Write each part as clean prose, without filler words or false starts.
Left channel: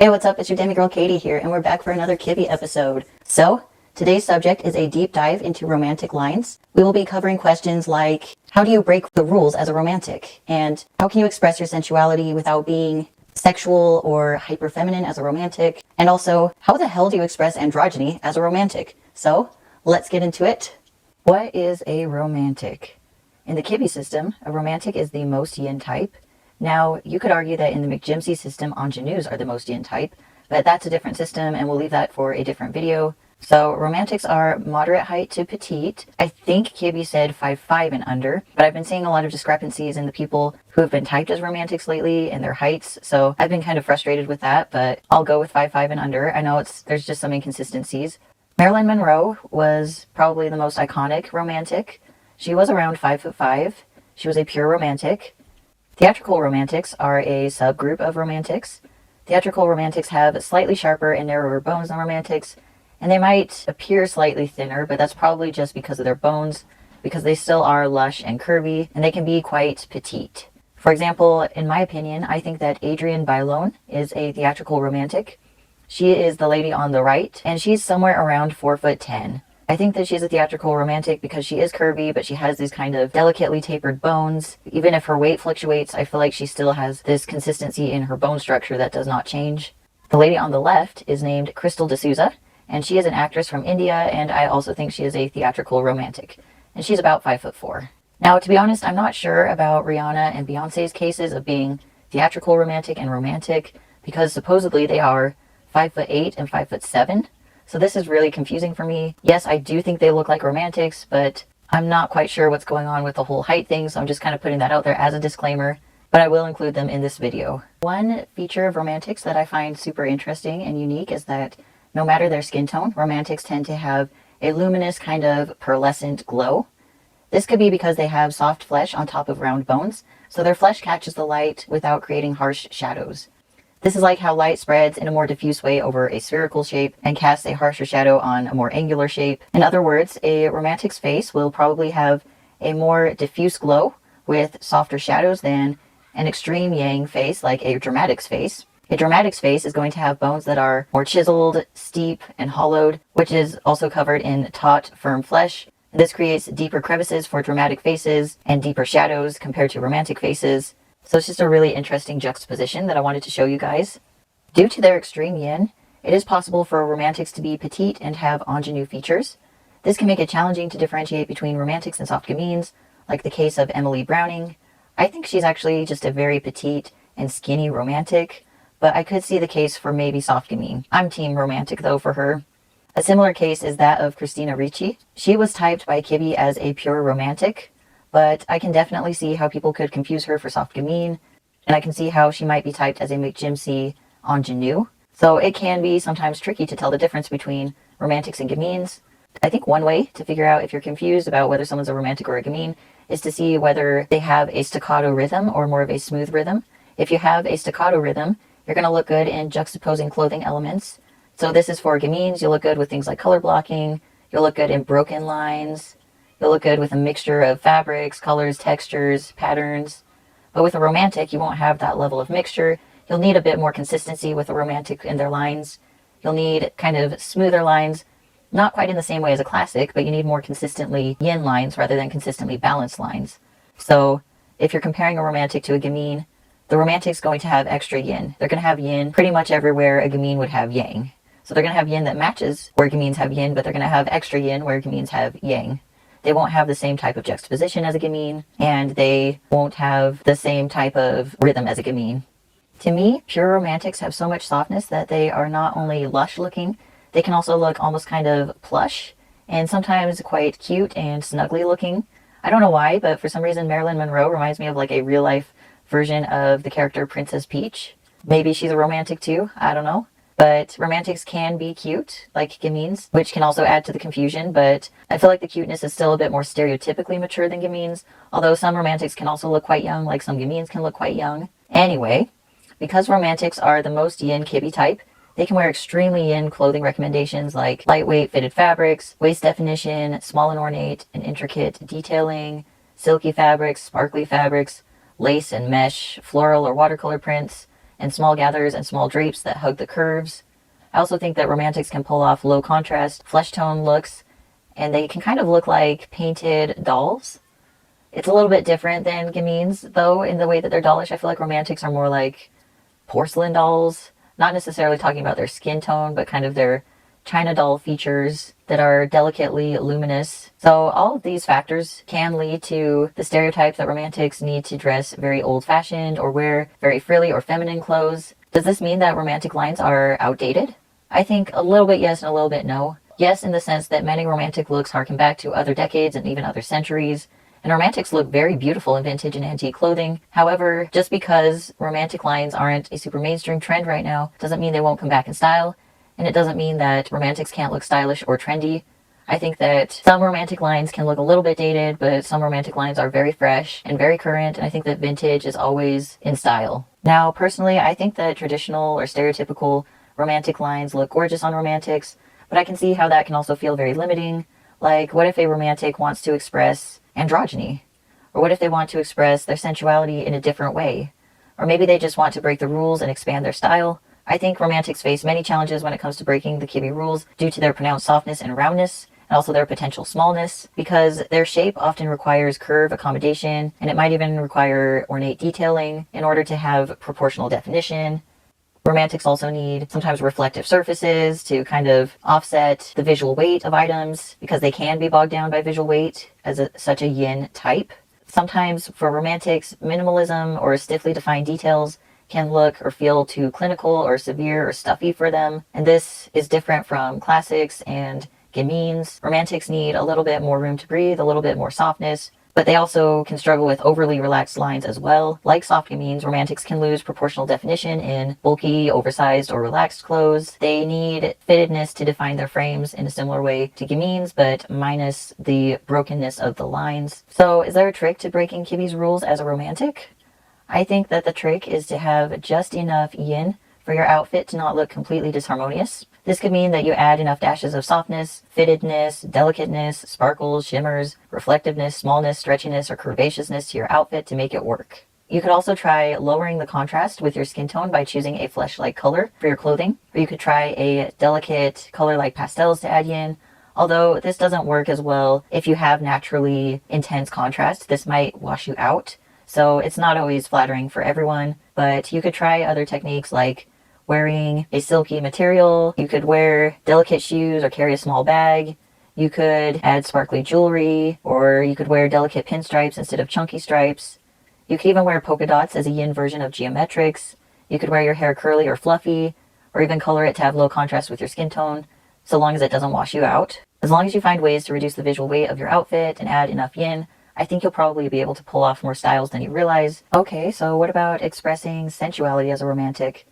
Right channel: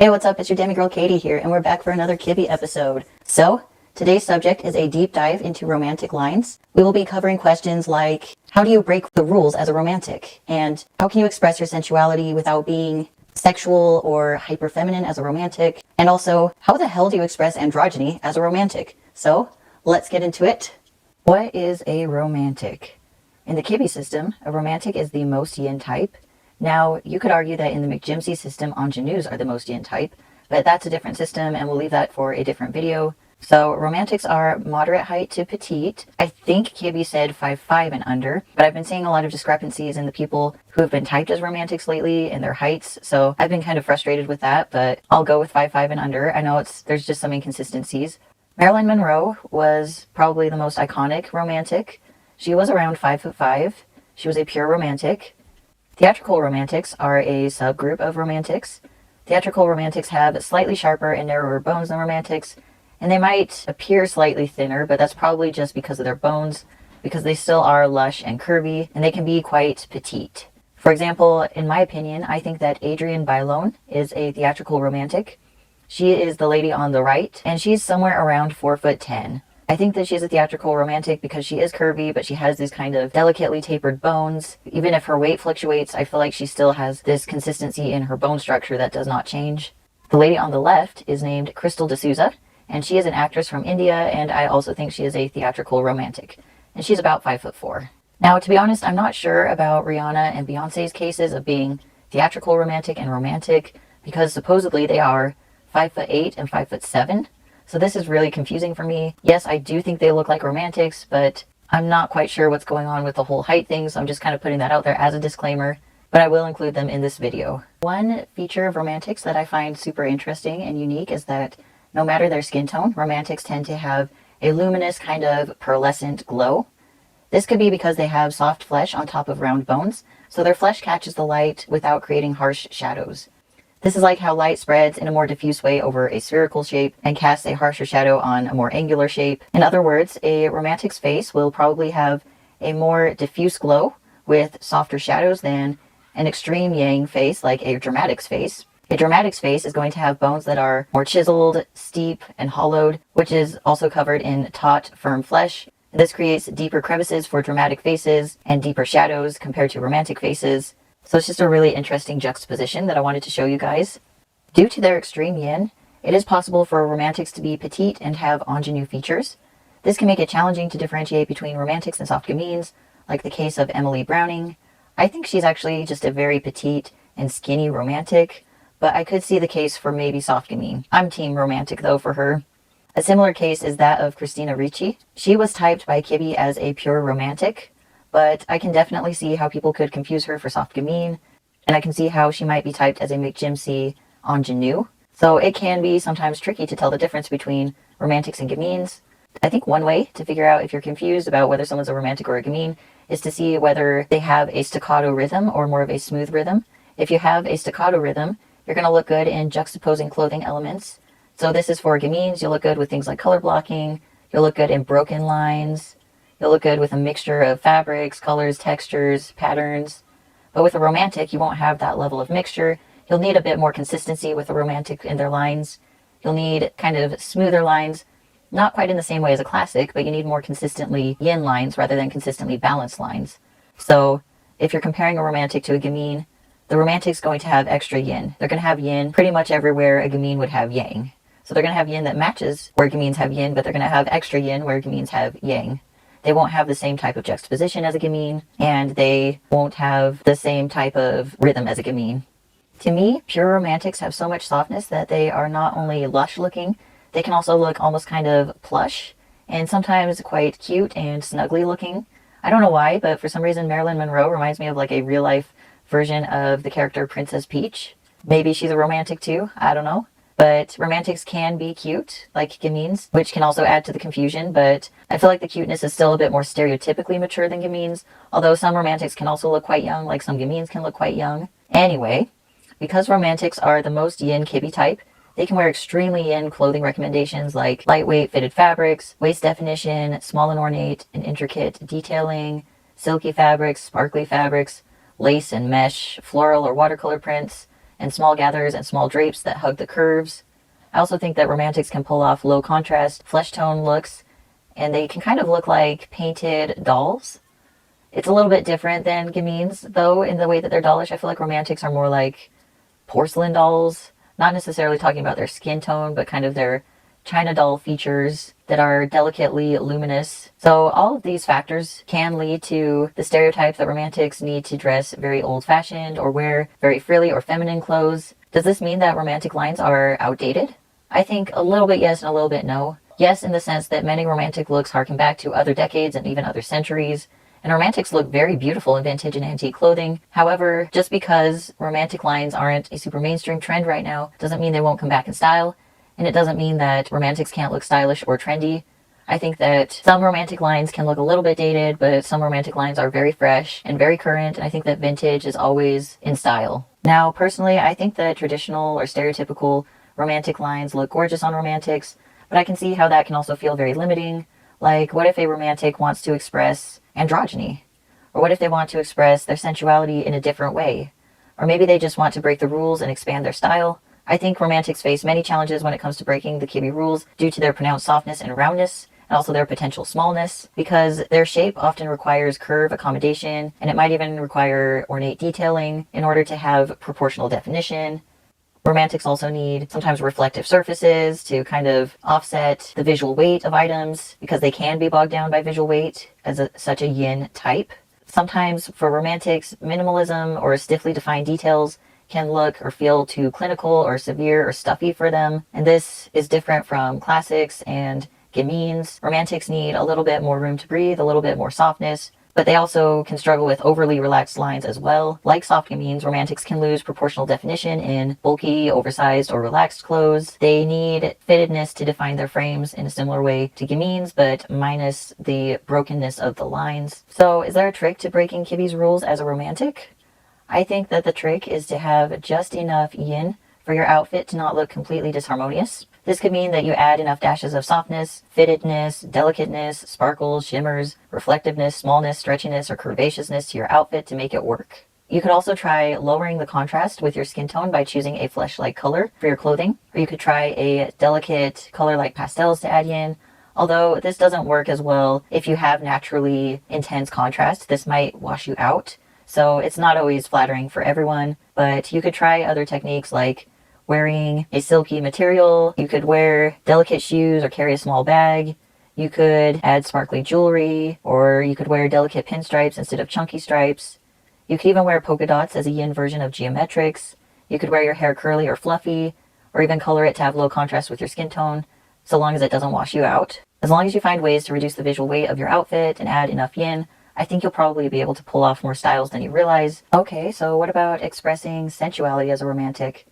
Hey, what's up? It's your demigirl Katie here, and we're back for another Kibbe episode. So, today's subject is a deep dive into romantic lines. We will be covering questions like, how do you break the rules as a romantic? And how can you express your sensuality without being sexual or hyper-feminine as a romantic? And also, how the hell do you express androgyny as a romantic? So, let's get into it. What is a romantic? In the Kibbe system, a romantic is the most yin type. Now, you could argue that in the McGimsey system, ingenues are the most yin type, but that's a different system and we'll leave that for a different video. So, romantics are moderate height to petite. I think Kibbe said 5'5" and under, but I've been seeing a lot of discrepancies in the people who have been typed as romantics lately and their heights, so I've been kind of frustrated with that, but I'll go with 5'5" and under. I know there's just some inconsistencies. Marilyn Monroe was probably the most iconic romantic. She was around 5'5". She was a pure romantic. Theatrical romantics are a subgroup of romantics. Theatrical romantics have slightly sharper and narrower bones than romantics, and they might appear slightly thinner, but that's probably just because of their bones, because they still are lush and curvy, and they can be quite petite. For example, in my opinion, I think that Adrienne Bailon is a theatrical romantic. She is the lady on the right, and she's somewhere around 4'10". I think that she's a theatrical romantic because she is curvy, but she has these kind of delicately tapered bones. Even if her weight fluctuates, I feel like she still has this consistency in her bone structure that does not change. The lady on the left is named Crystal D'Souza, and she is an actress from India, and I also think she is a theatrical romantic. And she's about 5'4". Now, to be honest, I'm not sure about Rihanna and Beyonce's cases of being theatrical romantic and romantic, because supposedly they are 5'8" and 5'7". So this is really confusing for me. Yes, I do think they look like romantics, but I'm not quite sure what's going on with the whole height thing, so I'm just kind of putting that out there as a disclaimer, but I will include them in this video. One feature of romantics that I find super interesting and unique is that no matter their skin tone, romantics tend to have a luminous kind of pearlescent glow. This could be because they have soft flesh on top of round bones, so their flesh catches the light without creating harsh shadows. This is like how light spreads in a more diffuse way over a spherical shape and casts a harsher shadow on a more angular shape. In other words, a romantic's face will probably have a more diffuse glow with softer shadows than an extreme yang face like a dramatic's face. A dramatic's face is going to have bones that are more chiseled, steep, and hollowed, which is also covered in taut, firm flesh. This creates deeper crevices for dramatic faces and deeper shadows compared to romantic faces. So it's just a really interesting juxtaposition that I wanted to show you guys. Due to their extreme yin, it is possible for romantics to be petite and have ingenue features. This can make it challenging to differentiate between romantics and soft gamines, like the case of Emily Browning. I think she's actually just a very petite and skinny romantic, but I could see the case for maybe soft gamine. I'm team romantic though for her. A similar case is that of Christina Ricci. She was typed by Kibbe as a pure romantic, but I can definitely see how people could confuse her for soft gamine, and I can see how she might be typed as a McGimsey ingenue. So it can be sometimes tricky to tell the difference between romantics and gamines. I think one way to figure out if you're confused about whether someone's a romantic or a gamine is to see whether they have a staccato rhythm or more of a smooth rhythm. If you have a staccato rhythm, you're going to look good in juxtaposing clothing elements. So this is for gamines. You'll look good with things like color blocking. You'll look good in broken lines. You'll look good with a mixture of fabrics, colors, textures, patterns. But with a romantic, you won't have that level of mixture. You'll need a bit more consistency with a romantic in their lines. You'll need kind of smoother lines, not quite in the same way as a classic, but you need more consistently yin lines rather than consistently balanced lines. So if you're comparing a romantic to a gamine, the romantic's going to have extra yin. They're going to have yin pretty much everywhere a gamine would have yang. So they're going to have yin that matches where gamines have yin, but they're going to have extra yin where gamines have yang. They won't have the same type of juxtaposition as a gamine, and they won't have the same type of rhythm as a gamine. To me, pure romantics have so much softness that they are not only lush looking, they can also look almost kind of plush, and sometimes quite cute and snuggly looking. I don't know why, but for some reason Marilyn Monroe reminds me of like a real life version of the character Princess Peach. Maybe she's a romantic too, I don't know. But romantics can be cute, like gamines, which can also add to the confusion, but I feel like the cuteness is still a bit more stereotypically mature than gamines, although some romantics can also look quite young, like some gamines can look quite young. Anyway, because romantics are the most yin Kibbe type, they can wear extremely yin clothing recommendations like lightweight fitted fabrics, waist definition, small and ornate and intricate detailing, silky fabrics, sparkly fabrics, lace and mesh, floral or watercolor prints, and small gathers and small drapes that hug the curves. I also think that romantics can pull off low contrast, flesh tone looks, and they can kind of look like painted dolls. It's a little bit different than gamines, though, in the way that they're dollish. I feel like romantics are more like porcelain dolls. Not necessarily talking about their skin tone, but kind of their China doll features that are delicately luminous. So all of these factors can lead to the stereotype that romantics need to dress very old-fashioned or wear very frilly or feminine clothes. Does this mean that romantic lines are outdated? I think a little bit yes and a little bit no. Yes, in the sense that many romantic looks harken back to other decades and even other centuries, and romantics look very beautiful in vintage and antique clothing. However, just because romantic lines aren't a super mainstream trend right now doesn't mean they won't come back in style, and it doesn't mean that romantics can't look stylish or trendy. I think that some romantic lines can look a little bit dated, but some romantic lines are very fresh and very current, and I think that vintage is always in style. Now, personally, I think that traditional or stereotypical romantic lines look gorgeous on romantics, but I can see how that can also feel very limiting. Like, what if a romantic wants to express androgyny? Or what if they want to express their sensuality in a different way? Or maybe they just want to break the rules and expand their style. I think romantics face many challenges when it comes to breaking the kibbe rules due to their pronounced softness and roundness, and also their potential smallness, because their shape often requires curve accommodation, and it might even require ornate detailing in order to have proportional definition. Romantics also need sometimes reflective surfaces to kind of offset the visual weight of items, because they can be bogged down by visual weight as such a yin type. Sometimes for romantics, minimalism or stiffly defined details can look or feel too clinical or severe or stuffy for them, and this is different from classics and gamines. Romantics need a little bit more room to breathe, a little bit more softness, but they also can struggle with overly relaxed lines as well. Like soft gamines, romantics can lose proportional definition in bulky, oversized, or relaxed clothes. They need fittedness to define their frames in a similar way to gamines, but minus the brokenness of the lines. So is there a trick to breaking kibbe's rules as a romantic? I think that the trick is to have just enough yin for your outfit to not look completely disharmonious. This could mean that you add enough dashes of softness, fittedness, delicateness, sparkles, shimmers, reflectiveness, smallness, stretchiness, or curvaceousness to your outfit to make it work. You could also try lowering the contrast with your skin tone by choosing a flesh-like color for your clothing, or you could try a delicate color like pastels to add yin. Although this doesn't work as well if you have naturally intense contrast, this might wash you out. So it's not always flattering for everyone, but you could try other techniques like wearing a silky material. You could wear delicate shoes or carry a small bag. You could add sparkly jewelry, or you could wear delicate pinstripes instead of chunky stripes. You could even wear polka dots as a yin version of geometrics. You could wear your hair curly or fluffy, or even color it to have low contrast with your skin tone, so long as it doesn't wash you out. As long as you find ways to reduce the visual weight of your outfit and add enough yin, I think you'll probably be able to pull off more styles than you realize. Okay, so what about expressing sensuality as a romantic?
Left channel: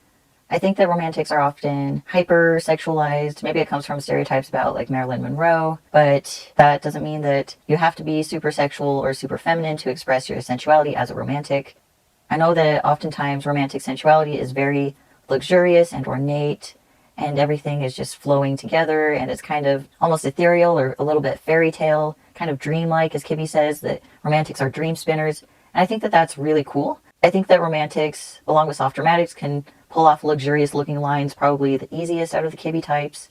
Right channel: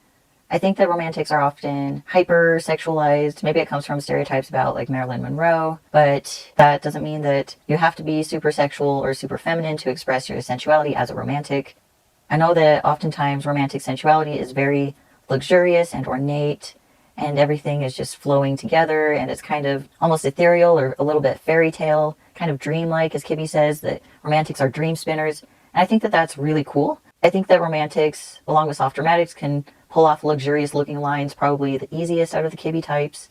I think that romantics are often hyper-sexualized. Maybe it comes from stereotypes about like Marilyn Monroe, but that doesn't mean that you have to be super sexual or super feminine to express your sensuality as a romantic. I know that oftentimes romantic sensuality is very luxurious and ornate, and everything is just flowing together, and it's kind of almost ethereal or a little bit fairy tale, kind of dreamlike, as Kibbe says, that romantics are dream spinners. And I think that that's really cool. I think that romantics, along with soft dramatics, can pull off luxurious looking lines probably the easiest out of the Kibbe types.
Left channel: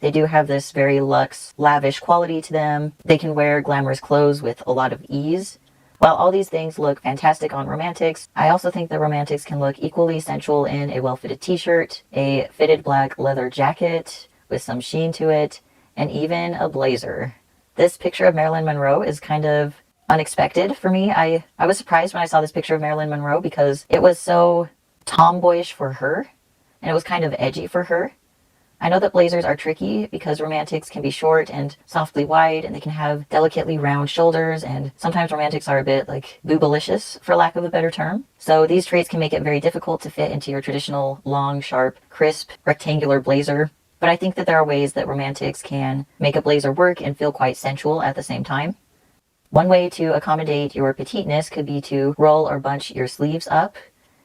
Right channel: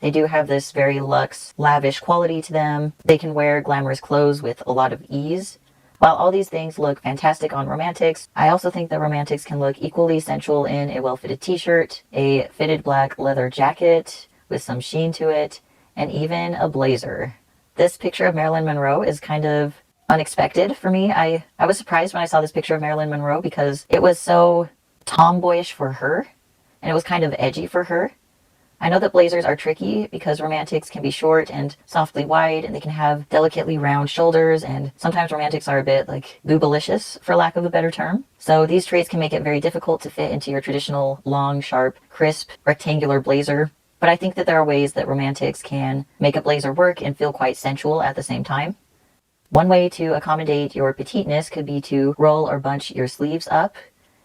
They do have this very luxe, lavish quality to them. They can wear glamorous clothes with a lot of ease. While all these things look fantastic on romantics, I also think that romantics can look equally sensual in a well-fitted t-shirt, a fitted black leather jacket with some sheen to it, and even a blazer. This picture of Marilyn Monroe is kind of unexpected for me. I was surprised when I saw this picture of Marilyn Monroe because it was so tomboyish for her, and it was kind of edgy for her. I know that blazers are tricky because romantics can be short and softly wide, and they can have delicately round shoulders, and sometimes romantics are a bit like boobalicious, for lack of a better term. So these traits can make it very difficult to fit into your traditional long, sharp, crisp, rectangular blazer. But I think that there are ways that romantics can make a blazer work and feel quite sensual at the same time. One way to accommodate your petiteness could be to roll or bunch your sleeves up.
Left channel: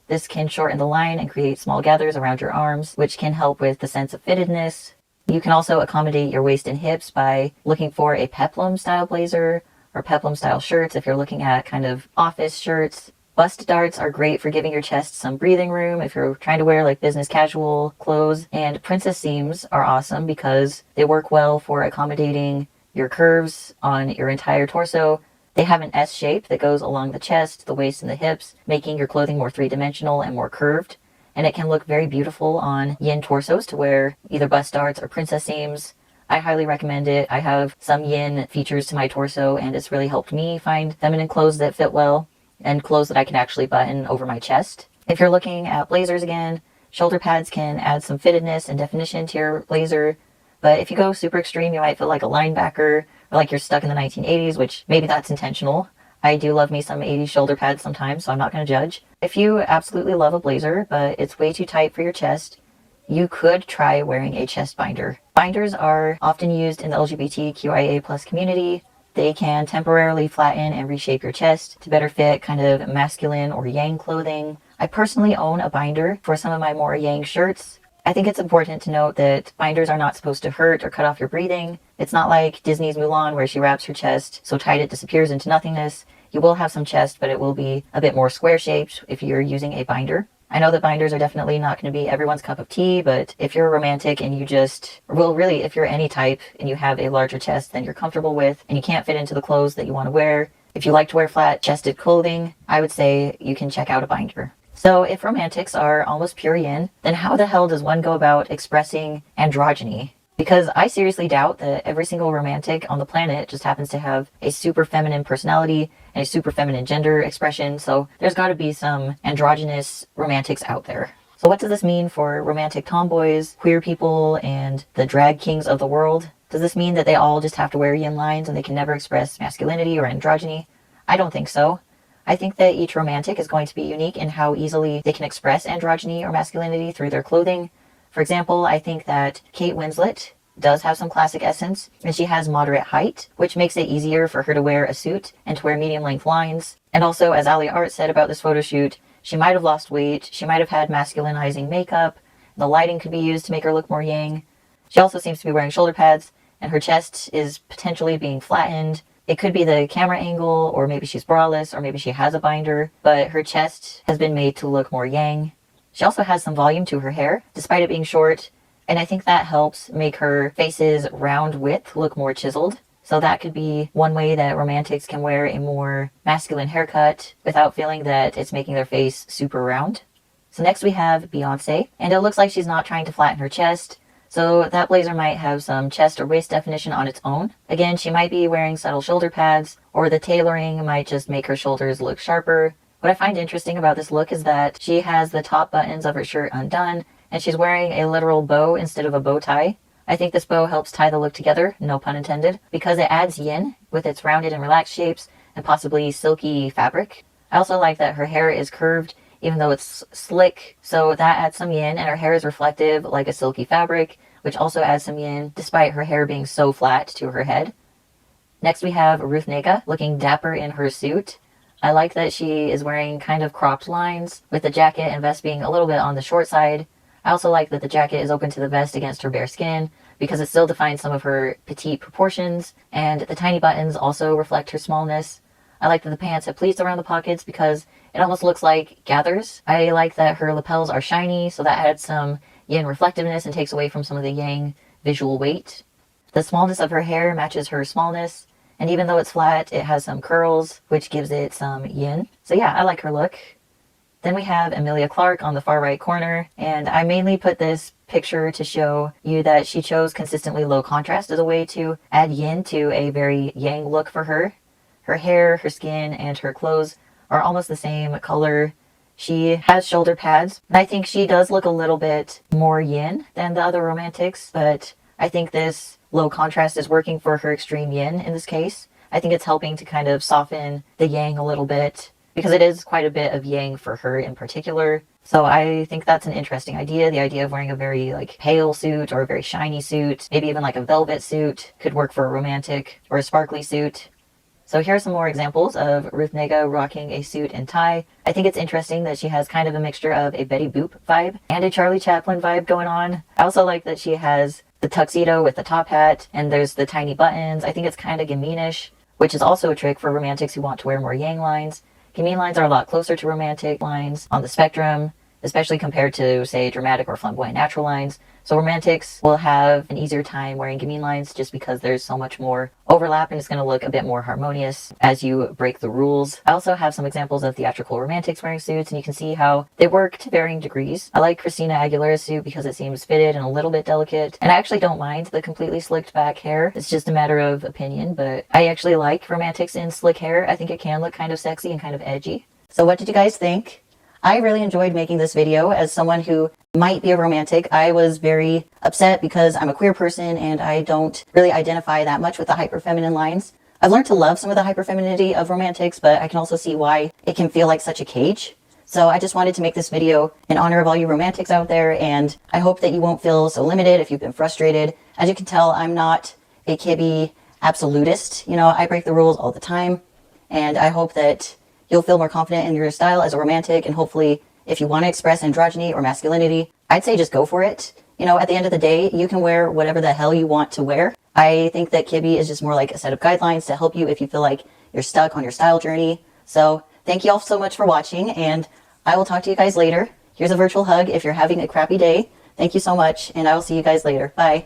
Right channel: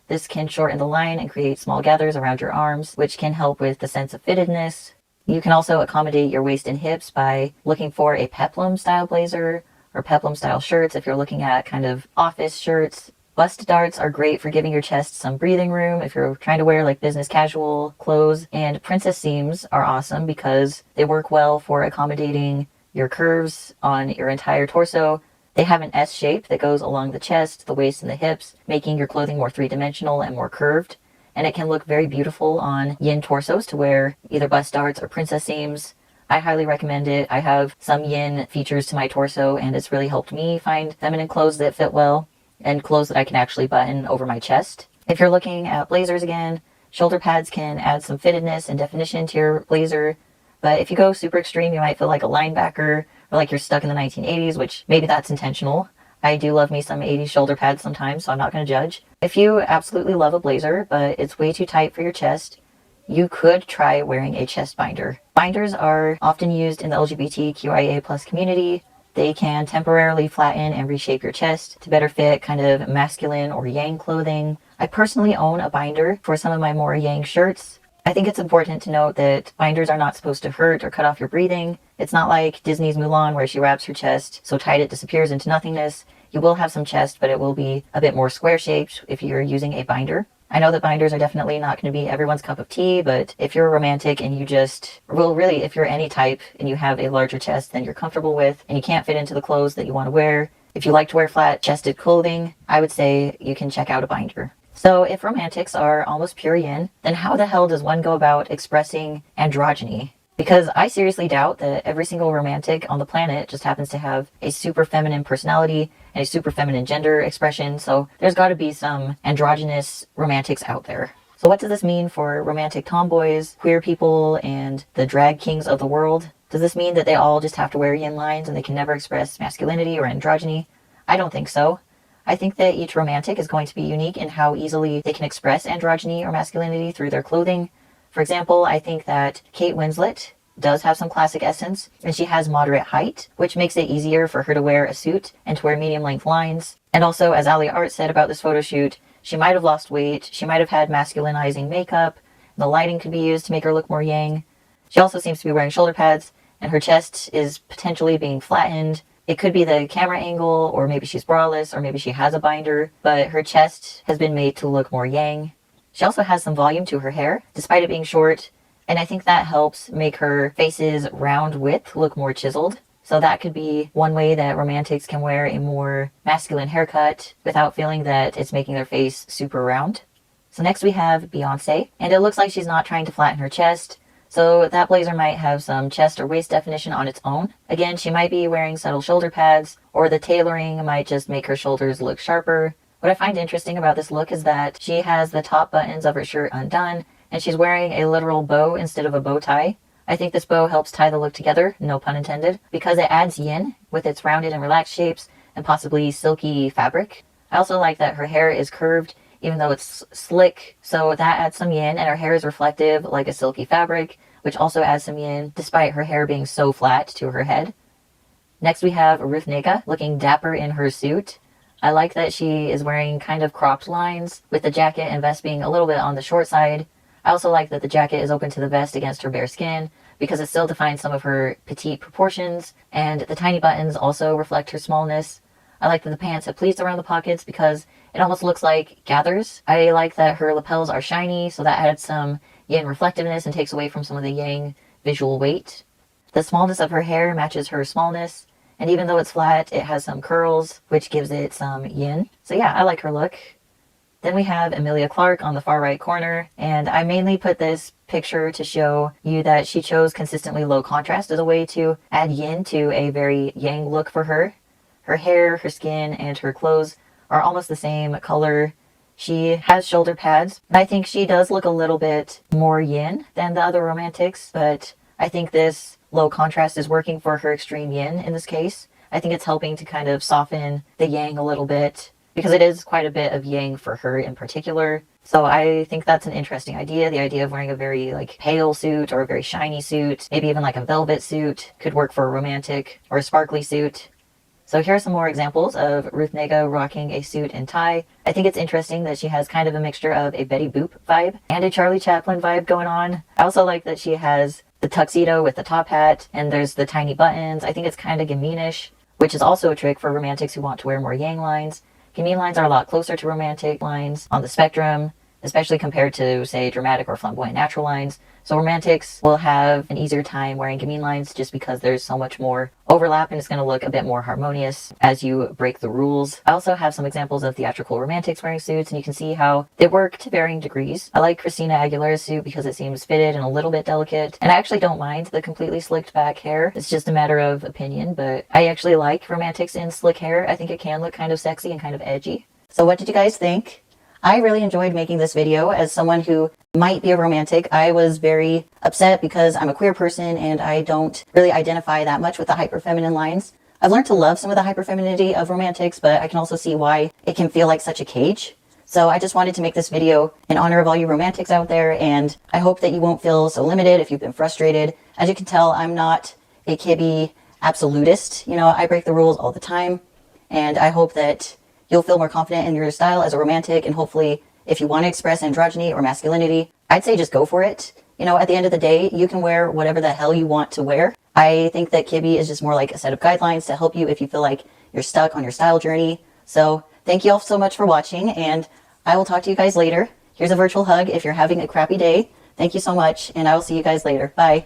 This can shorten the line and create small gathers around your arms, which can help with the sense of fittedness. You can also accommodate your waist and hips by looking for a peplum style blazer or peplum style shirts if you're looking at kind of office shirts. Bust darts are great for giving your chest some breathing room if you're trying to wear like business casual clothes. And princess seams are awesome because they work well for accommodating your curves on your entire torso. They have an S shape that goes along the chest, the waist, and the hips, making your clothing more three-dimensional and more curved. And it can look very beautiful on yin torsos to wear either bust darts or princess seams. I highly recommend it. I have some yin features to my torso, and it's really helped me find feminine clothes that fit well and clothes that I can actually button over my chest. If you're looking at blazers again, shoulder pads can add some fittedness and definition to your blazer. But if you go super extreme, you might feel like a linebacker or like you're stuck in the 1980s, which maybe that's intentional. I do love me some 80s shoulder pads sometimes, so I'm not going to judge. If you absolutely love a blazer, but it's way too tight for your chest, you could try wearing a chest binder. Binders are often used in the LGBTQIA+ community. They can temporarily flatten and reshape your chest to better fit kind of masculine or yang clothing. I personally own a binder for some of my more yang shirts. I think it's important to note that binders are not supposed to hurt or cut off your breathing. It's not like Disney's Mulan where she wraps her chest so tight it disappears into nothingness. You will have some chest, but it will be a bit more square-shaped if you're using a binder. I know that binders are definitely not going to be everyone's cup of tea, but if you're a romantic and you just, well, really, if you're any type and you have a larger chest than you're comfortable with and you can't fit into the clothes that you want to wear, if you like to wear flat-chested clothing, I would say you can check out a binder. So if romantics are almost pure yin, then how the hell does one go about expressing androgyny? Because I seriously doubt that every single romantic on the planet just happens to have a super feminine personality and a super feminine gender expression, so there's got to be some androgynous romantics out there. So what does this mean for romantic tomboys, queer people, and the drag kings of the world? Does this mean that they all just have to wear yin lines and they can never express masculinity or androgyny? I don't think so. I think that each romantic is going to be unique in how easily they can express androgyny or masculinity through their clothing. For example, I think that Kate Winslet does have some classic essence, and she has moderate height, which makes it easier for her to wear a suit and to wear medium-length lines. And also, as Ali Art said about this photo shoot, she might have lost weight, she might have had masculinizing makeup, the lighting could be used to make her look more yang. She also seems to be wearing shoulder pads, and her chest is potentially being flattened. It could be the camera angle, or maybe she's braless, or maybe she has a binder, but her chest has been made to look more yang. She also has some volume to her hair, despite it being short, and I think that helps make her face's round width look more chiseled. So that could be one way that romantics can wear a more masculine haircut without feeling that it's making their face super round. So next we have Beyonce, and it looks like she's not trying to flatten her chest, so that blazer might have some chest or waist definition on its own. Again, she might be wearing subtle shoulder pads, or the tailoring might just make her shoulders look sharper. What I find interesting about this look is that she has the top buttons of her shirt undone, and she's wearing a literal bow instead of a bow tie. I think this bow helps tie the look together, no pun intended, because it adds yin with its rounded and relaxed shapes and possibly silky fabric. I also like that her hair is curved, even though it's slick, so that adds some yin, and her hair is reflective like a silky fabric, which also adds some yin, despite her hair being so flat to her head. Next we have Ruth Negga, looking dapper in her suit. I like that she is wearing kind of cropped lines, with the jacket and vest being a little bit on the short side. I also like that the jacket is open to the vest against her bare skin, because it still defines some of her petite proportions, and the tiny buttons also reflect her smallness. I like that the pants have pleats around the pockets because it almost looks like gathers. I like that her lapels are shiny, so that adds some yin reflectiveness and takes away from some of the yang visual weight. The smallness of her hair matches her smallness, and even though it's flat, it has some curls, which gives it some yin. So yeah, I like her look. Then we have Emilia Clarke on the far right corner, and I mainly put this picture to show you that she chose consistently low contrast as a way to add yin to a very yang look for her. Her hair, her skin, and her clothes are almost the same color. She has shoulder pads, and I think she does look a little bit more yin than the other romantics, but I think this low contrast is working for her extreme yin in this case. I think it's helping to kind of soften the yang a little bit, because it is quite a bit of yang for her in particular. So I think that's an interesting idea. The idea of wearing a very pale suit or a very shiny suit, maybe even like a velvet suit, could work for a romantic, or a sparkly suit. So here are some more examples of Ruth Negga rocking a suit and tie. I think it's interesting that she has kind of a mixture of a Betty Boop vibe and a Charlie Chaplin vibe going on. I also like that she has the tuxedo with the top hat, and there's the tiny buttons. I think it's kind of Gamine-ish, which is also a trick for romantics who want to wear more yang lines. Gamine lines are a lot closer to romantic lines on the spectrum, especially compared to, say, dramatic or flamboyant natural lines. So romantics will have an easier time wearing gamine lines just because there's so much more overlap and it's going to look a bit more harmonious as you break the rules. I also have some examples of theatrical romantics wearing suits, and you can see how they work to varying degrees. I like Christina Aguilera's suit because it seems fitted and a little bit delicate, and I actually don't mind the completely slicked back hair. It's just a matter of opinion, but I actually like romantics in slick hair. I think it can look kind of sexy and kind of edgy. So what did you guys think? I really enjoyed making this video. As someone who might be a romantic, I was very upset because I'm a queer person and I don't really identify that much with the hyper-feminine lines. I've learned to love some of the hyper-femininity of romantics, but I can also see why it can feel like such a cage. So I just wanted to make this video in honor of all you romantics out there, and I hope that you won't feel so limited if you've been frustrated. As you can tell, I'm not a Kibbe absolutist. You know, I break the rules all the time, and I hope that you'll feel more confident in your style as a romantic, and hopefully if you want to express androgyny or masculinity, I'd say just go for it. You know, at the end of the day, you can wear whatever the hell you want to wear. I think that Kibbe is just more like a set of guidelines to help you if you feel like you're stuck on your style journey. So thank you all so much for watching, and I will talk to you guys later. Here's a virtual hug if you're having a crappy day. Thank you so much, and I will see you guys later. Bye.